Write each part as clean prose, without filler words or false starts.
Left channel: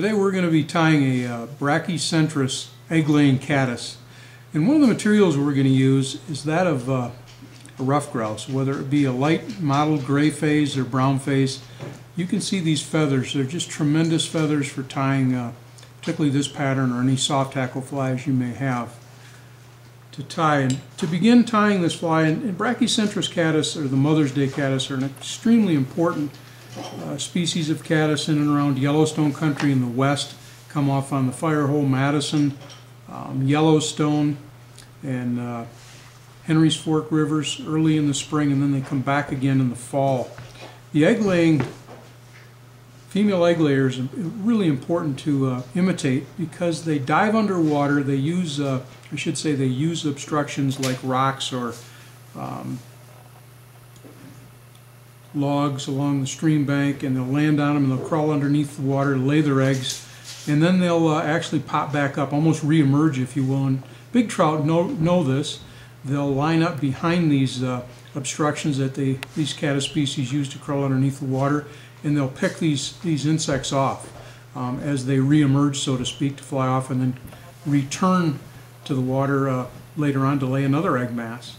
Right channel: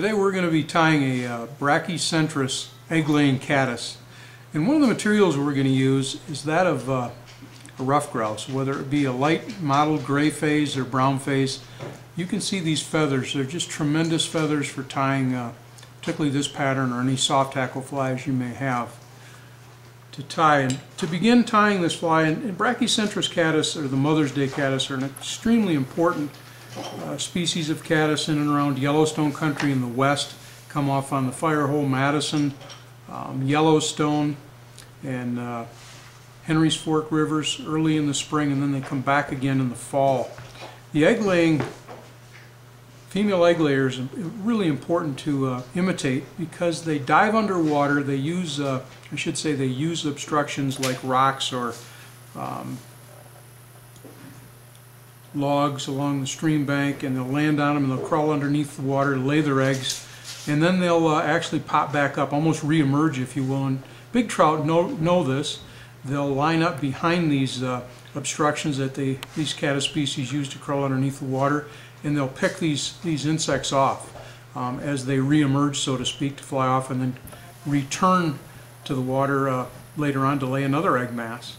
Today we're going to be tying a brachycentrus egg-laying caddis. And one of the materials we're going to use is that of a rough grouse, whether it be a light mottled gray phase or brown phase. You can see these feathers. They're just tremendous feathers for tying particularly this pattern or any soft tackle flies you may have to tie. And to begin tying this fly, and brachycentrus caddis, or the Mother's Day caddis, are an extremely important species of caddis in and around Yellowstone country in the west. Come off on the Firehole, Madison, Yellowstone, and Henry's Fork rivers early in the spring, and then they come back again in the fall. The egg-laying, female egg layers are really important to imitate because they dive underwater. They use, I should say, they use obstructions like rocks or logs along the stream bank, and they'll land on them and they'll crawl underneath the water to lay their eggs, and then they'll actually pop back up, almost re-emerge, if you will. And big trout know this. They'll line up behind these obstructions that these caddis species use to crawl underneath the water, and they'll pick these insects off as they re-emerge, so to speak, to fly off and then return to the water later on to lay another egg mass.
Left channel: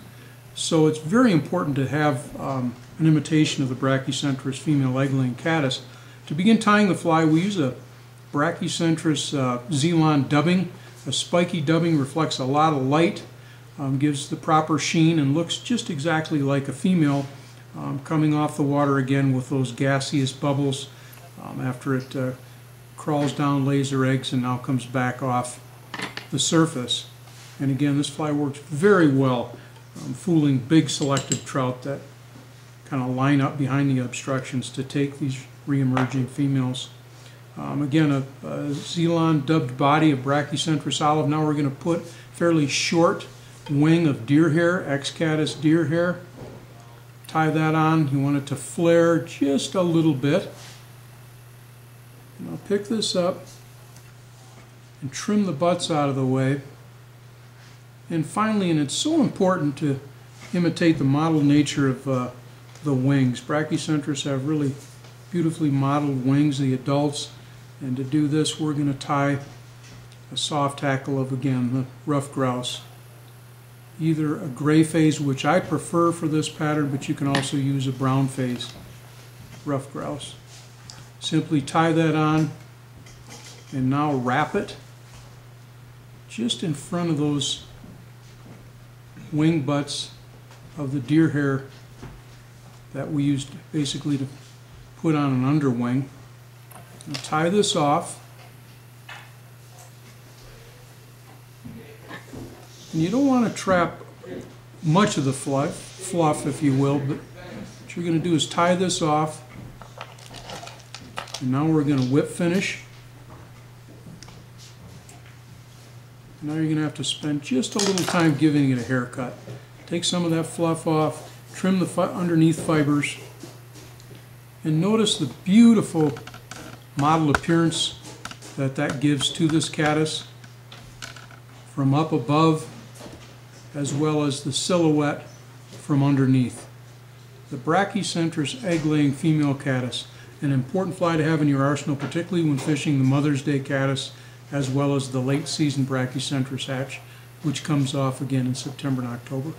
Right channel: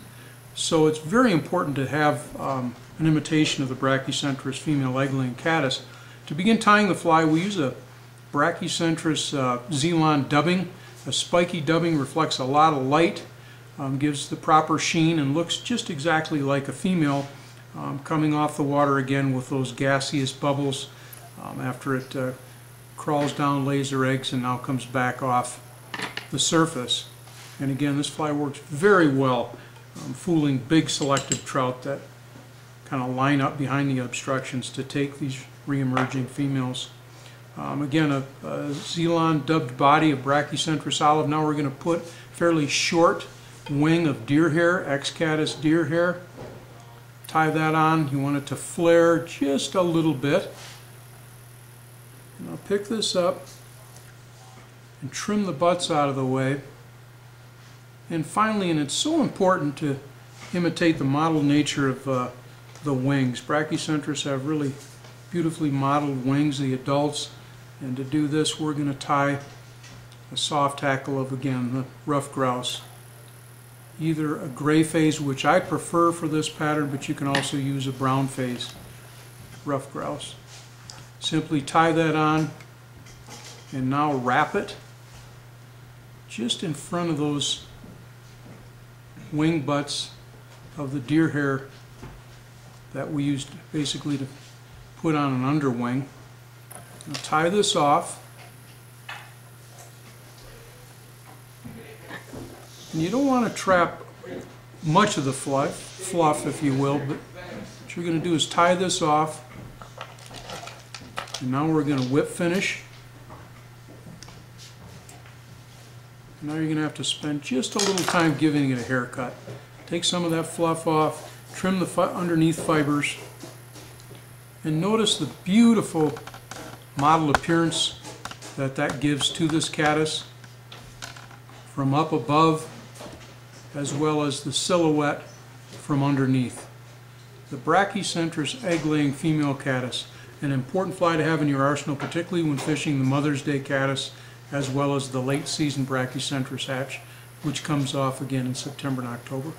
So it's very important to have an imitation of the brachycentrus female egg-laying caddis. To begin tying the fly, we use a brachycentrus Xenon dubbing. A spiky dubbing reflects a lot of light, gives the proper sheen, and looks just exactly like a female coming off the water again with those gaseous bubbles after it crawls down, lays her eggs, and now comes back off the surface. And again, this fly works very well fooling big selective trout that kind of line up behind the obstructions to take these re-emerging females. Again, a Xenon dubbed body of brachycentrus olive. Now we're going to put fairly short wing of deer hair, X-Caddis deer hair. Tie that on. You want it to flare just a little bit. And I'll pick this up and trim the butts out of the way. And finally, and it's so important to imitate the mottled nature of the wings. Brachycentrus have really beautifully mottled wings, the adults. And to do this, we're going to tie a soft tackle of, again, the rough grouse. Either a gray phase, which I prefer for this pattern, but you can also use a brown phase rough grouse. Simply tie that on and now wrap it just in front of those wing butts of the deer hair that we used basically to put on an underwing. Now tie this off, and you don't want to trap much of the fluff, if you will, but what you're going to do is tie this off, and now we're going to whip finish. Now you're going to have to spend just a little time giving it a haircut. Take some of that fluff off, trim the underneath fibers, and notice the beautiful mottled appearance that gives to this caddis from up above, as well as the silhouette from underneath. The brachycentrus egg-laying female caddis, an important fly to have in your arsenal, particularly when fishing the Mother's Day caddis, as well as the late season brachycentrus hatch, which comes off again in September and October.